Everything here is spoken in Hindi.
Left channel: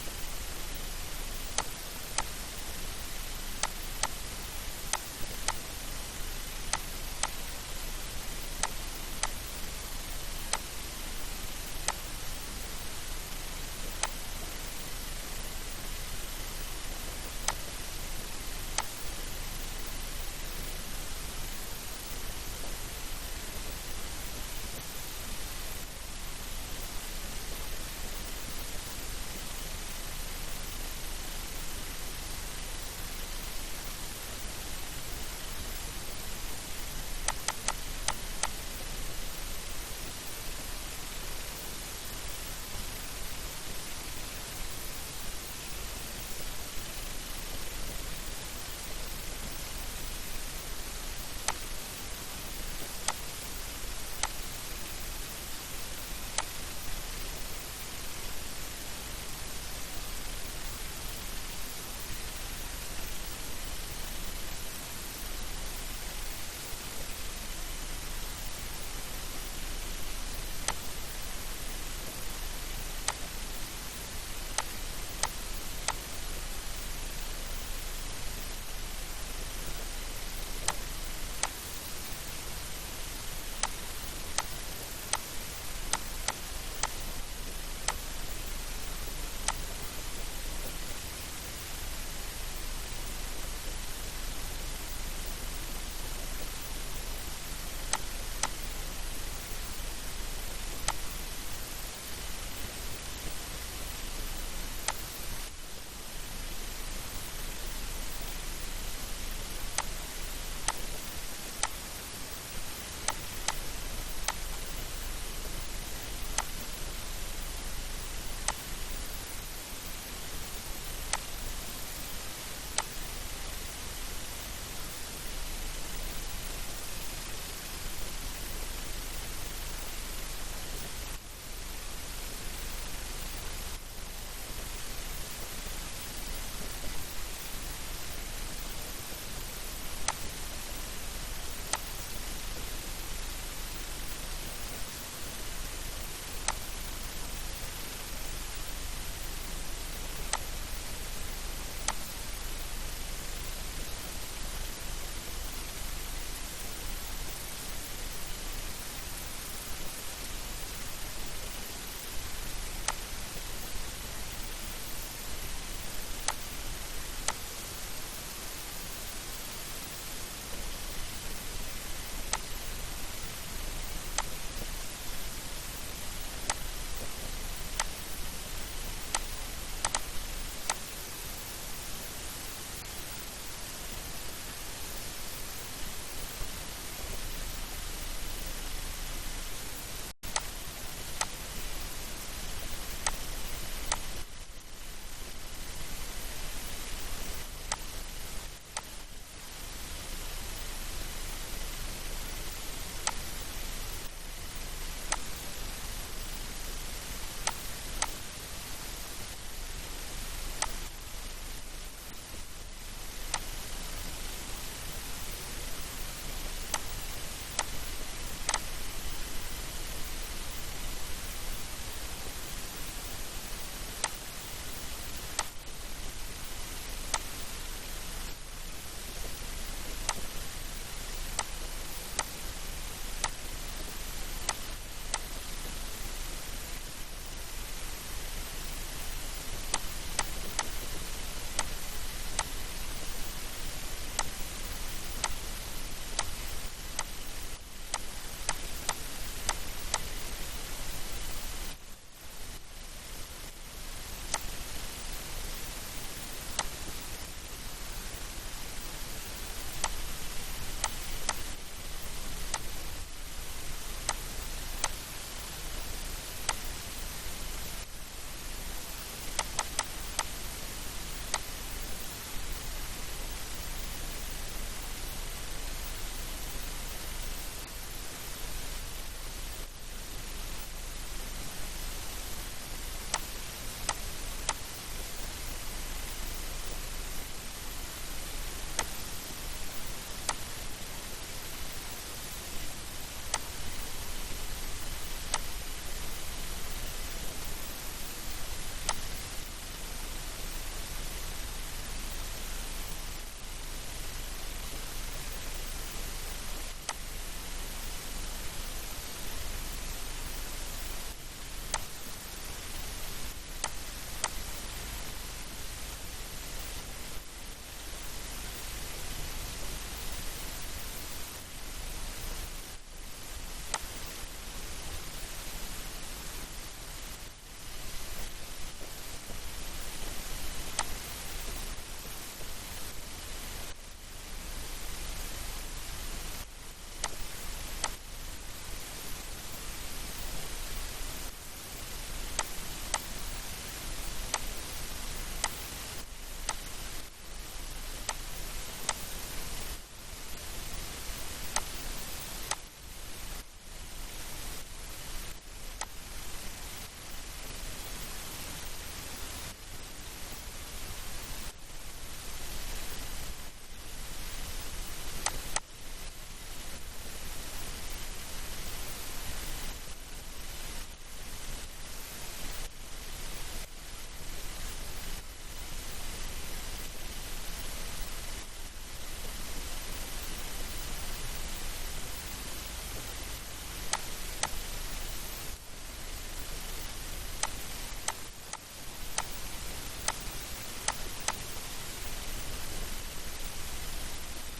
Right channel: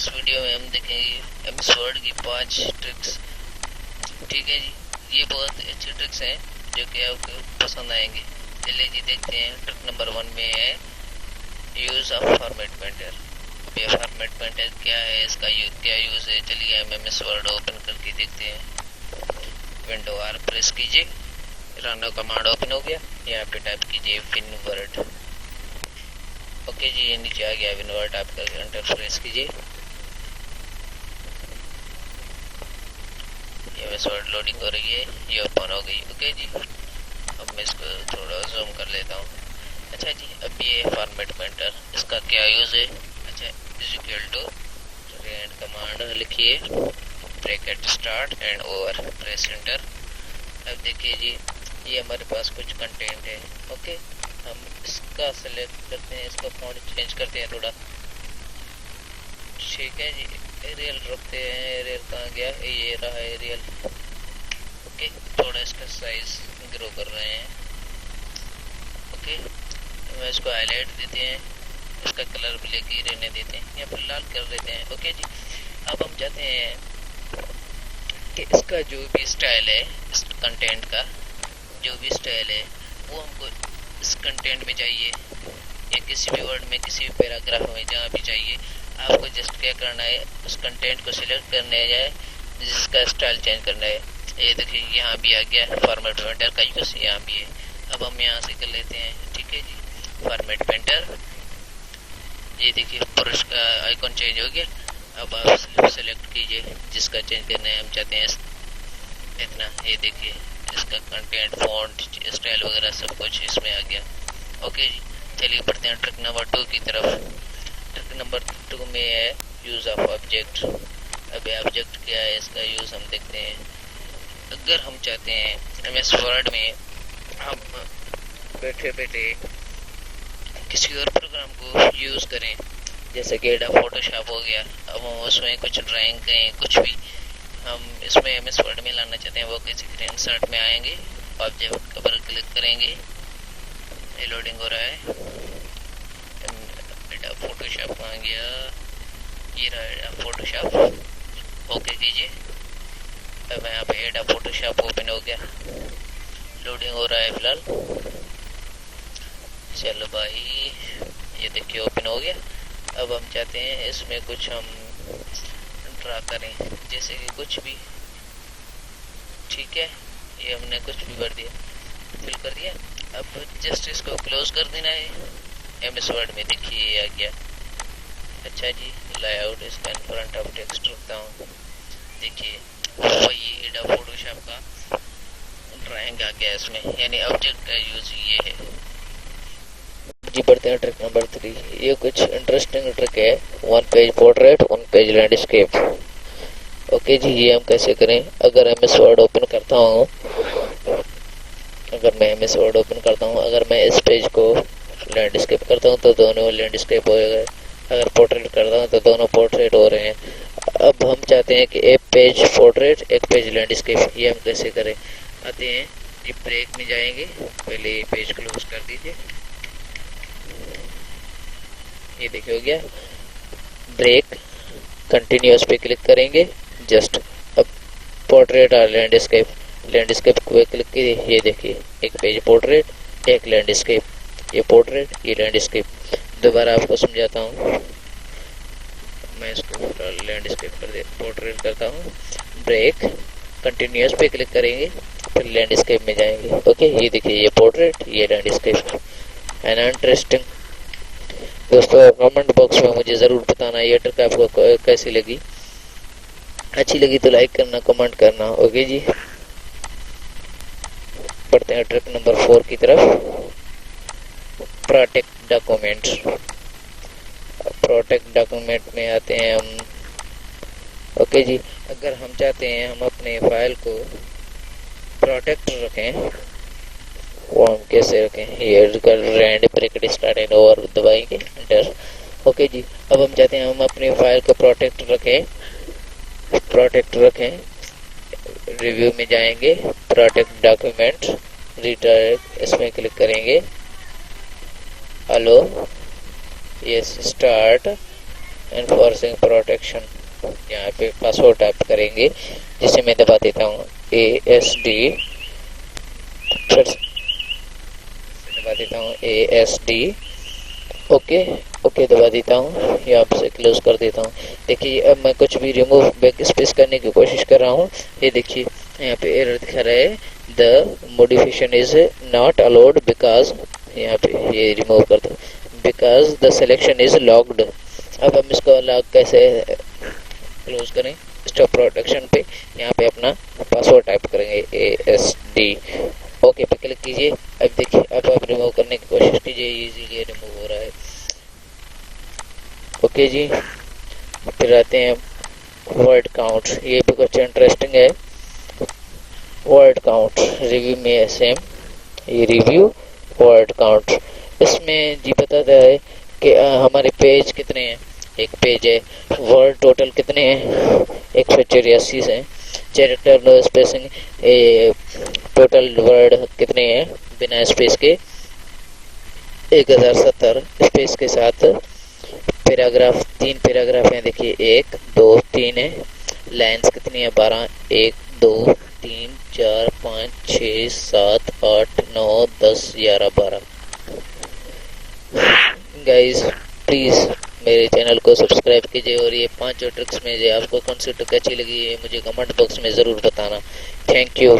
इस वीडियो में हम देखेंगे एमएस वर्ड की 5 ट्रिक्स। ठीक है जी, ये बहुत अच्छी ट्रिक्स हैं जो कि आपको पसंद आएंगे। चलिए जी देखते हैं। ट्रिक नंबर 1 में है यूज़ ऑफ फॉर्मेट पॉइंटर। ये फॉर्मेट पॉइंटर क्या है, इसका क्या यूज़ है, चलिए हम एमएस वर्ड ओपन करके देखते हैं। विंडो आर प्रेस कीजिए, रन कमांड ओपन हो गया। यहाँ पे टाइप कीजिए विन वर्ड। ओके जी, ये नीचे आ गया विन वर्ड, टाइप करके एंटर प्रेस कीजिए। एमएस वर्ड लोडिंग हो रही है, ये ओपन हो गई। ओके जी, अब मैं इसको थोड़ा जूम कर लेता हूँ। अच्छा जी, अब ये फॉर्मेट पॉइंटर, इसका क्या यूज़ है। अच्छा, इक्वल टू एंड कमांड लिखिए, bracket start and over, press enter. अब देखिए जी, ये हमारे पास कुछ कंटेंट है। ओके, हम इसका सेलेक्ट करते हैं, इसका फॉन्ट चेंज करते हैं थोड़ा। ठीक है जी, एरियल रखते हैं। एरियल कहाँ गया, ये रहा एरियल। ओके, थोड़ा इसका साइज ग्रो कर रहे हैं। ओके, मैं इसको हाईलाइट देते हैं, इसका कलर ब्लैक ही रहने देते हैं या फिर लाल कर देते हैं। ओके जी, अब हम चाहते हैं कि इसका जो भी स्टाइल है, इस कंटेंट का जो भी स्टाइल है वो हमको इस कंटेंट में चाहिए या किसी भी वर्ड में, किसी भी पैराग्राफ में, जहाँ भी चाहिए। आपको जस्ट क्या करना है, उस कंटेंट को सिलेक्ट करने है, जिसका स्टाइल चेंज करना है। ये देखिए यहाँ भी आ गया फॉर्मेट पेंटर का यूज़, यहाँ भी है। अब हम यहाँ से कर लेते हैं। ठीक है जी, फॉर्मेट पेंटर, ये देखिए पुरुष का आइकॉन चेंज हो गया। अब आप सेलेक्ट कीजिए जिसका चेंज करना है, हम चाहते हैं इतना। ये देखिए इसका कंटेंट, फॉन्ट, स्टाइल वगैरह सब कुछ इसमें आ गया। ओके जी, चलिए बढ़ते हैं ट्रिक नंबर 2 की तरफ। ट्रिक नंबर 2 में है यूज़ ऑफ ऑब्जेक्ट। अभी ऑब्जेक्ट क्या है, इसका यूज़ हम देखते हैं। अगर हम चाहते हैं एमएस वर्ड में हम बैठे बैठे किसी और प्रोग्राम को यूज़ करें, जैसे कि फोटोशॉप हो गया, अब हम उसमें कुछ ड्राइंग करें, कुछ भी हम इसमें एमएस वर्ड में लाना चाहते हैं, वो कैसे करें। इंसर्ट में आएंगे, ऑब्जेक्ट पर क्लिक करेंगे, ये लोडिंग हो रहा है। बेटा फोटोशॉप आ गया, ये रहा फोटोशॉप। ओके कीजिए, अब यहाँ पे एडा फोटोशॉप ओपन हो गया, लोडिंग हो रहा है फिलहाल। चलो भाई, ये देखिए ओपन हो गया। अब हम चाहते हैं इसमें कुछ हम ड्रा करें, जैसे कि कुछ भी। ठीक है, ये हमने कुछ भी भर दिया, फिल कर दिया। अब जस्ट इसको क्लोज कर देना है। एमएस वर्ड में देखिए ये आ गया। अच्छा जी, लेआउट इसका फ्रंट ऑफ टेक्स्ट रखता हूँ। देखिए वही एडा फोटोशॉप का ड्राइंग आ गया इसमें, यानी ऑब्जेक्ट का यूज ये है जी। बढ़ते हैं ट्रिक नंबर 3। ये कुछ इंटरेस्टिंग ट्रिक है, 1 page portrait 1 page landscape. Okay जी, ये हम कैसे करें। अगर एमएस वर्ड ओपन करता हूँ, अगर मैं इस पेज को लैंडस्केप करता हूँ तो दोनों लैंडस्केप हो गए। अगर पोर्ट्रेट करता हूँ तो दोनों पोर्ट्रेट हो रहे हैं। अब हम चाहते हैं कि एक पेज पोर्ट्रेट एक पेज लैंडस्केप, ये हम कैसे करें। आते हैं जी, ब्रेक में जाएंगे, पहले ये पेज क्लोज कर दीजिए। ये देखिए हो गया ब्रेक, कंटिन्यूअस पे क्लिक करेंगे जस्ट। अब पोर्ट्रेट और लैंडस्केप को क्लिक कीजिए, ये देखिए एक पेज पोर्ट्रेट एक लैंडस्केप, ये पोर्ट्रेट ये लैंडस्केप। दोबारा आपको समझाता हूँ, मैं इसको लैंडस्केप कर दे, पोर्ट्रेट करता हूँ। ब्रेक, कंटिन्यूअस पे क्लिक करेंगे, फिर लैंडस्केप में जाएंगे। ओके, ये देखिए ये पोर्ट्रेट ये लैंडस्केप। एंड इंटरेस्टिंग दोस्तों, कमेंट बॉक्स में मुझे ज़रूर बताना ये ट्रिक आपको कैसी लगी। अच्छी लगी तो लाइक करना, कमेंट करना। ओके जी, बढ़ते हैं ट्रिक नंबर 4 की तरफ। Protect document. प्रोटेक्ट डॉक्यूमेंट में आते हैं हम। ओके जी, अगर हम चाहते हैं हम अपने फाइल को प्रोटेक्ट रखें, वो हम कैसे रखें। ये rand bracket start and over दबाएंगे, एंटर। ओके जी, अब हम चाहते हैं हम अपनी फाइल को प्रोटेक्ट रखें। रिव्यू में जाएंगे, प्रोटेक्ट डॉक्यूमेंट, रिडायरेक्ट, इसमें क्लिक करेंगे। Hello, yes, start, enforcing protection, यहाँ पे पासवर्ड टाइप करेंगे, जिसे मैं दबा देता हूँ ASD, फिर दबा देता हूँ ASD, ओके ओके दबा देता हूँ, यहाँ से क्लोज कर देता हूँ। देखिए अब मैं कुछ भी रिमूव बैक स्पेस करने की कोशिश कर रहा हूँ, ये देखिए यहाँ पे एरर दिखा रहा है, the modification is not allowed because, यहाँ पे ये रिमूव कर दो, because the selection is locked. अब हम इसको लॉक कैसे क्लोज करें, स्टॉप प्रोटेक्शन पे यहाँ पे अपना पासवर्ड टाइप करेंगे ASD, ओके पे क्लिक कीजिए। अब देखिए अब आप रिमूव करने की कोशिश कीजिए, इजीली रिमूव हो रहा है। ओके जी, फिर आते हैं वर्ड काउंट, ये भी कुछ इंटरेस्टिंग है। वर्ड काउंट रिव्यू में है सेम, ये रिव्यू वर्ड काउंट, इसमें जी बताता है कि हमारे पेज कितने हैं, एक पेज है, वर्ड टोटल कितने हैं 184 हैं, character no spacing, total word कितने हैं बिना स्पेस के 1070, स्पेस के साथ पैराग्राफ 3 पैराग्राफ हैं, देखिए 1 2 3 है, लाइन्स कितनी है 12, 1 2 3 4 5 6 7 8 9 10 11 12। गाइस प्लीज़ मेरे चैनल को सब्सक्राइब कीजिए, और ये 5 जो ट्रिक्स में से आपको कौन सी ट्रिक अच्छी लगी है मुझे कमेंट बॉक्स में ज़रूर बताना। Thank you.